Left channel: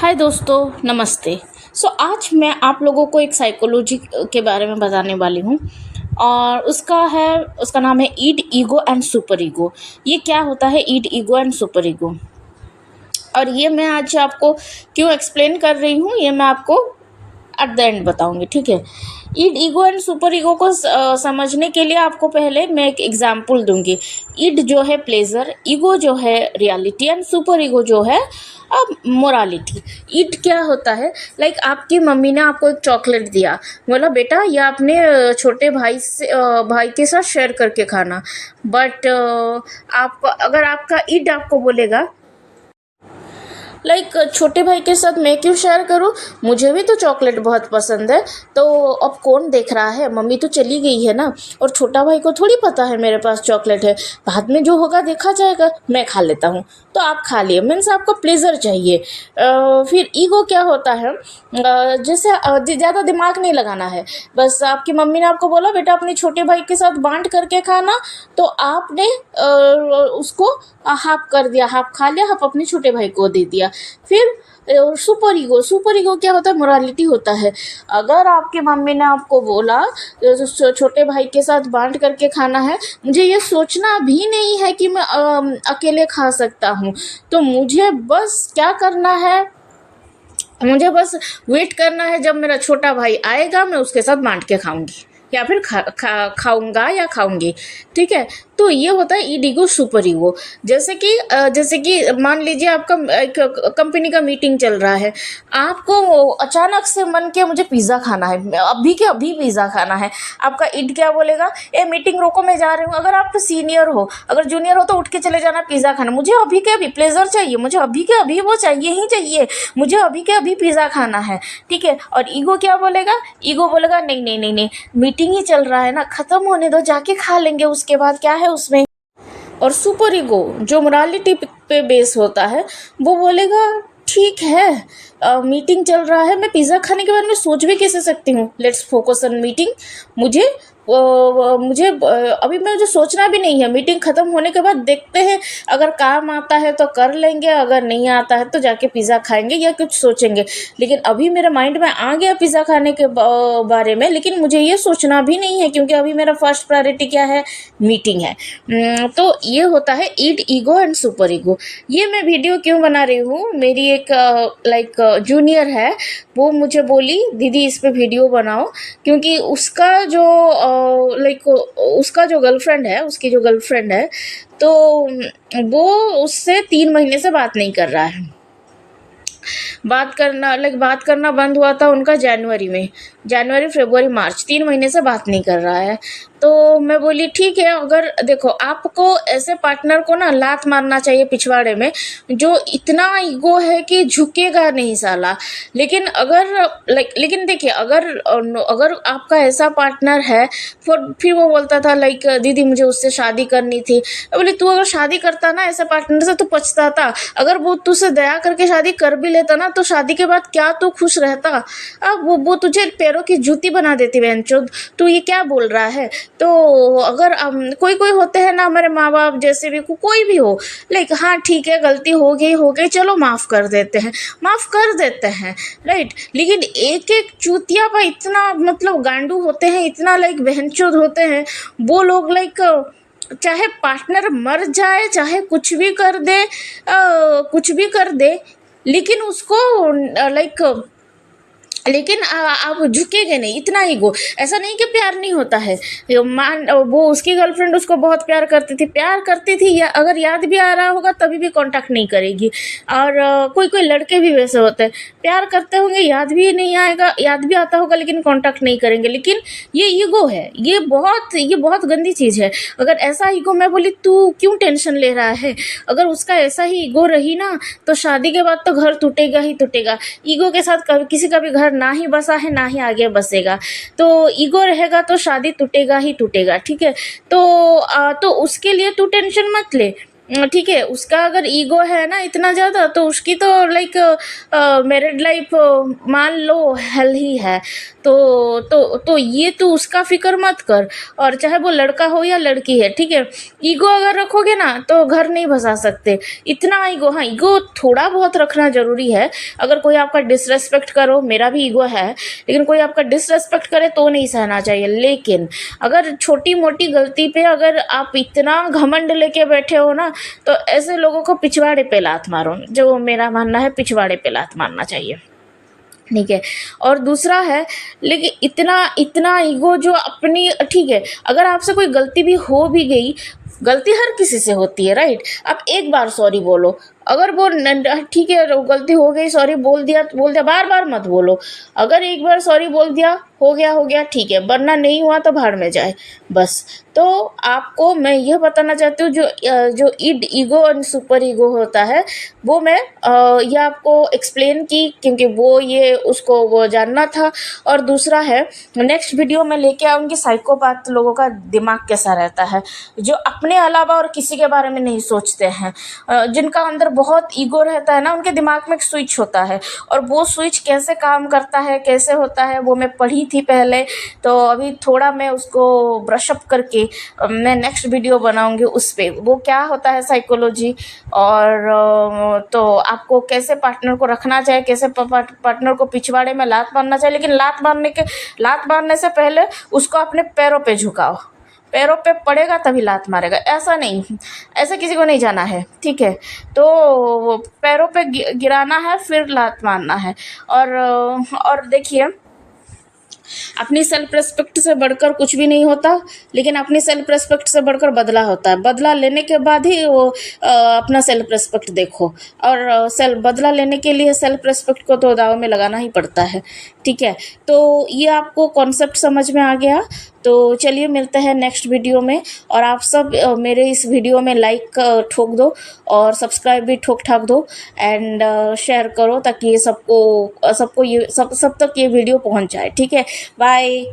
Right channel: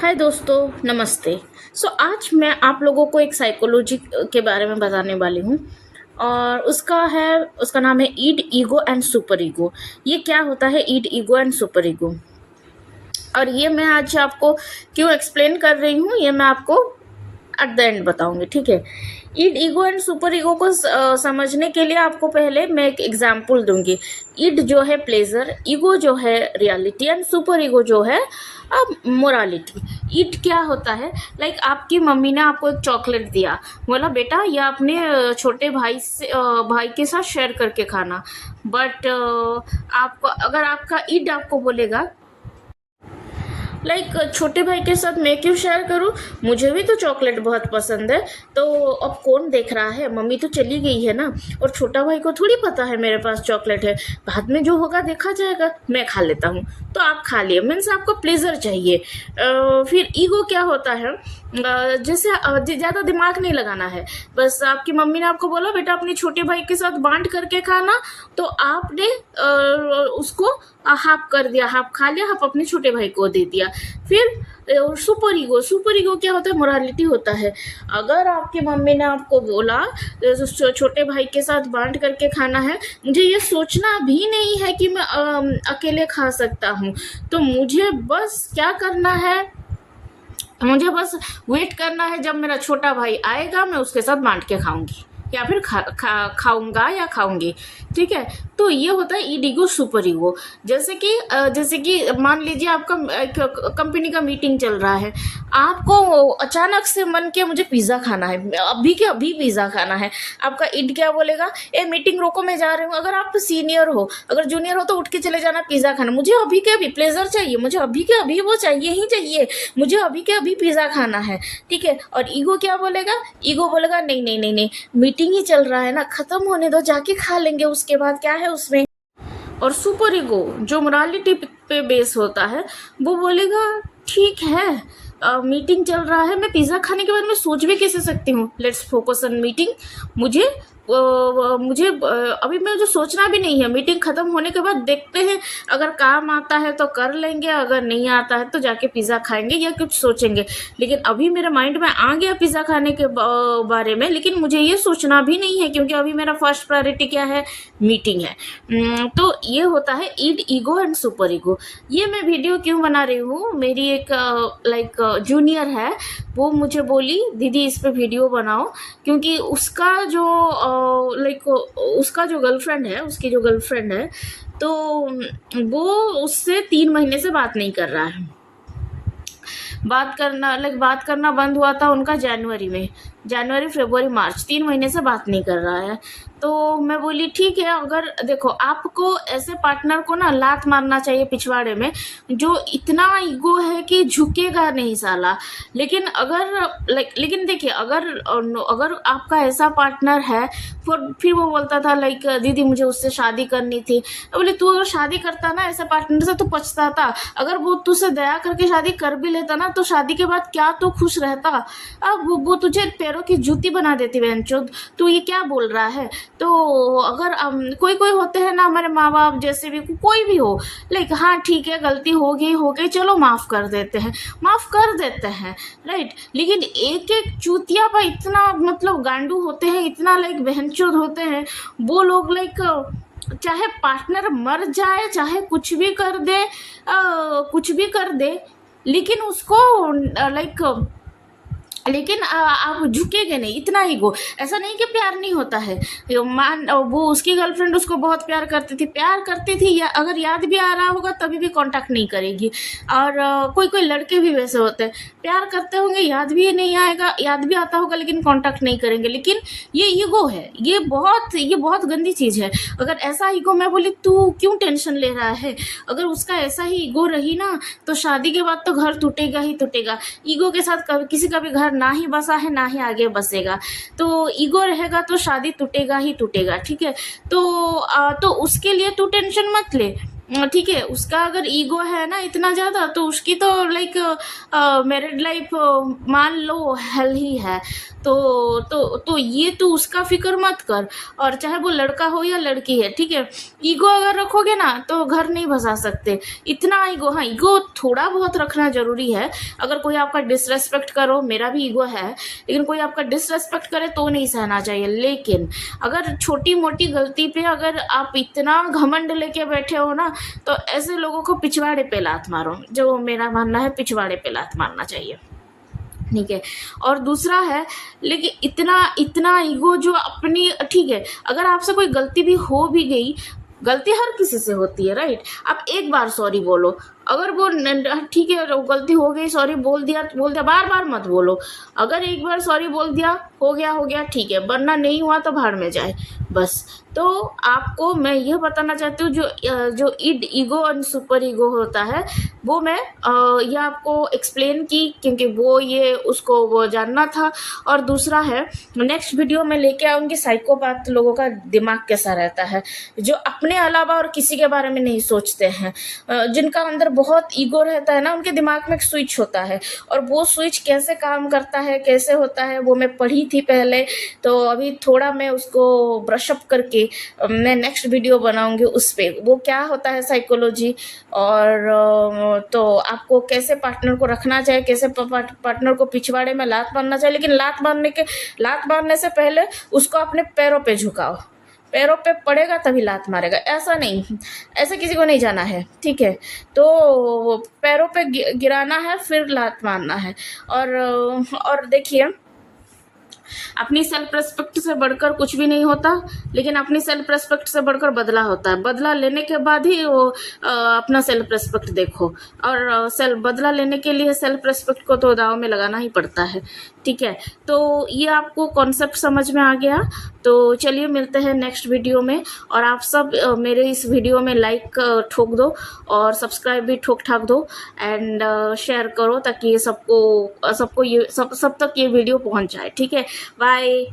हाय दोस्तों, नमस्ते। आज मैं आप लोगों को एक साइकोलॉजी के बारे में बताने वाली हूँ। और उसका नाम है ईड, ईगो एंड सुपर ईगो। ये क्या होता है ईड, ईगो एंड सुपर ईगो? और ये मैं आज आपको क्यों एक्सप्लेन कर रही हूँ, ये मैं आपको एट द एंड बताऊंगी, ठीक है। ईड, ईगो एंड सुपर ईगो को समझने के लिए आपको पहले मैं एक एग्जाम्पल दूंगी। ईड जो है प्लेजर, ईगो जो है रियलिटी एंड सुपर ईगो जो है अब मोरालिटी। ईड क्या होता है, लाइक आपकी मम्मी ने आपको एक चॉकलेट दिया, बोला बेटा ये अपने छोटे भाई के साथ शेयर करके खाना। बट आपको अगर आपका ईड आपको बोलेगा लाइक छोटे भाई के साथ मैं क्यों शेयर करूं, मुझे भी तो चॉकलेट बहुत पसंद है। तो अब कौन देख रहा है, मम्मी तो चली गई है ना, और छोटा भाई को थोड़ी पता है मेरे पास चॉकलेट है, बाद में जो होगा देखा जाएगा, मैं खा लेता हूँ। तो आप खा लिए, मीन्स आपको प्लेजर चाहिए। फिर ईगो क्या होता है, जैसे ज़्यादा दिमाग नहीं लगाना है, बस आपकी मम्मी ने आपको बोला बेटा अपने छोटे भाई के साथ बांट करके खाना, तो आपने उसको हाफ कर दिया, हाफ खा लिया, हाफ अपने छोटे भाई को दे दिया। फिर सुपर ईगो, सुपर ईगो क्या होता है, मोरालिटी होता है। अगर आपकी मम्मी ने आपको बोला छोटे भाई के साथ बांट करके खाना है, मुझे ये सोचना भी नहीं है कि मैं अकेले खा सकता हूँ, तो मुझे बस क्या करना है, मुझे बस वेट करना है जब मेरा छोटा भाई आएगा, मैं उसके साथ बांट के खाऊंगी या फिर खाऊंगा या खाऊंगी, ठीक है। तो ये होता है ईड, ईगो, सुपर ईगो। जैसे कि मान लीजिए आपका एक कंपनी का मीटिंग चल रहा है, आपको अचानक से मन किया मुझे पिज़्ज़ा खाना है, अभी के अभी पिज़्ज़ा खाना है। आपका ईड क्या बोलेगा, ए मीटिंग रोको मैं जा रही हूँ। अगर आप सीनियर हो, अगर जूनियर हो तो उठ के चले जाना पिज़्ज़ा खाना, मुझे अभी के अभी प्लेजर चाहिए, मुझे अभी के अभी वो चाहिए ही चाहिए, मुझे अभी के अभी पिज़्ज़ा खाना है, ठीक है। और ईगो क्या बोलेगा, ईगो बोलेगा नहीं नहीं नहीं नहीं, मीटिंग ही चल रहा है ना, ख़त्म होने दो, जाके खा लेंगे उसके बाद, क्या है उसमें। और सुपर ईगो जो मोरालिटी पे बेस होता है, वो बोलेगा ठीक है, मीटिंग चल रहा है, मैं पिज़्ज़ा खाने के बारे में सोच भी कैसे सकती हूँ, लेट्स फोकस ऑन मीटिंग। मुझे अभी मुझे सोचना भी नहीं है, मीटिंग ख़त्म होने के बाद देखते हैं, अगर काम आता है तो कर लेंगे, अगर नहीं आता है तो जाके पिज़्ज़ा खाएंगे या कुछ सोचेंगे। लेकिन अभी मेरे माइंड में आ गया पिज़्ज़ा खाने के बारे में, लेकिन मुझे ये सोचना भी नहीं है क्योंकि अभी मेरा फर्स्ट प्रायोरिटी क्या है, मीटिंग है। तो ये होता है ईड, ईगो एंड सुपर ईगो। ये मैं वीडियो क्यों बना रही हूँ, मेरी एक जूनियर है, वो मुझे बोली दीदी इस पे वीडियो बनाओ, क्योंकि उसका जो गर्लफ्रेंड है, उसकी जो गर्लफ्रेंड है, तो वो उससे 3 महीने से बात नहीं कर रहा है। बात करना बंद हुआ था उनका जनवरी में, जनवरी फरवरी मार्च, 3 महीने से बात नहीं कर रहा है। तो मैं बोली ठीक है, अगर देखो आपको ऐसे पार्टनर को ना लात मारना चाहिए पिछवाड़े में, जो इतना ईगो है कि झुकेगा नहीं साला। लेकिन देखिए, अगर आपका ऐसा पार्टनर है, फिर वो बोलता था दीदी मुझे उससे शादी करनी थी। मैं बोली तू अगर शादी करता ना ऐसे पार्टनर से तो पछताता, अगर वो तुझसे दया करके शादी कर भी लेता ना, तो शादी के बाद क्या तू खुश रहता। अब वो तुझे पैरों की जूती बना देती बहनचोद, तू ये क्या बोल रहा है। तो अगर कोई कोई होते हैं ना, हमारे माँ बाप जैसे भी, कोई भी हो, हाँ ठीक है गलती हो गई चलो माफ़ कर देते हैं, राइट। लेकिन एक एक चूतिया पर इतना मतलब गांडू होते हैं, इतना बहनचोद होते हैं वो लोग, चाहे पार्टनर मर जाए, चाहे कुछ भी कर दे, लेकिन उसको आप झुकेंगे नहीं, इतना ईगो। ऐसा नहीं कि प्यार नहीं होता है, वो उसकी गर्लफ्रेंड उसको बहुत प्यार करती थी, या अगर याद भी आ रहा होगा तभी भी कांटेक्ट नहीं करेगी। और कोई कोई लड़के भी वैसे होते हैं, प्यार करते होंगे, याद भी आता होगा लेकिन कांटेक्ट नहीं करेंगे। लेकिन ये ईगो है, ये बहुत गंदी चीज़ है। अगर ऐसा ईगो, मैं बोली तू क्यों टेंशन ले रहा है, अगर उसका ऐसा ही ईगो रही ना, तो शादी के बाद तो घर टूटेगा ही टूटेगा। ईगो के साथ किसी का भी घर ना ही बसा है, ना ही आगे बसेगा। तो ईगो रहेगा तो शादी टूटेगा ही टूटेगा, ठीक है। तो उसके लिए तू टेंशन मत ले। ठीक है, उसका अगर ईगो है ना इतना ज़्यादा, तो उसकी तो लाइक मैरिड लाइफ मान लो हेल ही है। तो ये तो उसका फिक्र मत कर। और चाहे वो लड़का हो या लड़की है, ठीक है, ईगो अगर रखोगे ना तो घर नहीं बसा सकते। इतना ईगो, हाँ ईगो थोड़ा बहुत रखना ज़रूरी है। अगर कोई आपका डिसरेस्पेक्ट करो, मेरा भी ईगो है, लेकिन कोई आपका डिसरेस्पेक्ट करे तो नहीं सहना चाहिए। लेकिन अगर छोटी मोटी गलती पे अगर आप इतना घमंड लेके बैठे हो ना, तो ऐसे लोगों को पिछवाड़े पे लात मारो। जो मेरा मानना है, पिछवाड़े पे लात मारना चाहिए, ठीक है। और दूसरा है, लेकिन इतना इतना ईगो जो अपनी, ठीक है, अगर आपसे कोई गलती भी हो भी गई, गलती हर किसी से होती है, राइट। आप एक बार सॉरी बोलो, अगर वो ठीक है गलती हो गई, सॉरी बोल दिया, बार बार मत बोलो। अगर एक बार सॉरी बोल दिया, हो गया, ठीक है, वरना नहीं हुआ तो भाड़ में जाए, बस। तो आपको मैं यह बताना चाहती हूँ, जो ईगो और सुपर ईगो होता है, वो मैं यह आपको एक्सप्लेन की, क्योंकि ये उसको वो जानना था। और दूसरा है, नेक्स्ट वीडियो में लेके आऊँगी साइकोपाथ लोगों का दिमाग कैसा रहता है, जो अपने अलावा और किसी के बारे में नहीं सोचते हैं, जिनका अंदर बहुत ईगो रहता है ना, उनके दिमाग में एक स्विच होता है, और वो स्विच कैसे काम करता है, कैसे होता है, वो मैं पढ़ी थी पहले। तो अभी थोड़ा मैं उसको ब्रशअप करके मैं नेक्स्ट वीडियो बनाऊंगी उस पे, वो क्या होता है साइकोलॉजी, और तो आपको कैसे पार्टनर को रखना चाहिए, कैसे पार्टनर को पिछवाड़े में लात मारना चाहिए। लेकिन लात मारने से पहले उसको अपने पैरों पे झुकाओ, पैरों पे पड़ेगा तभी लात मारेगा, ऐसा नहीं, ऐसा किसी को नहीं जाना है, ठीक है। तो पैरों पे गिराना है, फिर लात मारना है। और देखिए, अपनी सेल्फ रिस्पेक्ट से बढ़कर कुछ भी नहीं होता, लेकिन अपनी सेल्फ रिस्पेक्ट से बढ़कर बदला होता है। बदला लेने के बाद ही वो अपना सेल्फ रिस्पेक्ट देखो, और बदला लेने के लिए सेल्फ रिस्पेक्ट को तो दाव में लगाना ही पड़ता है, ठीक है। तो ये आपको कॉन्सेप्ट समझ में आ गया। तो चलिए मिलते हैं नेक्स्ट वीडियो में, और आप सब मेरे इस वीडियो में लाइक ठोक दो, और सब्सक्राइब भी ठोक ठाक दो, एंड शेयर करो, ताकि ये सब तक ये वीडियो पहुंच जाए, ठीक है। बाय।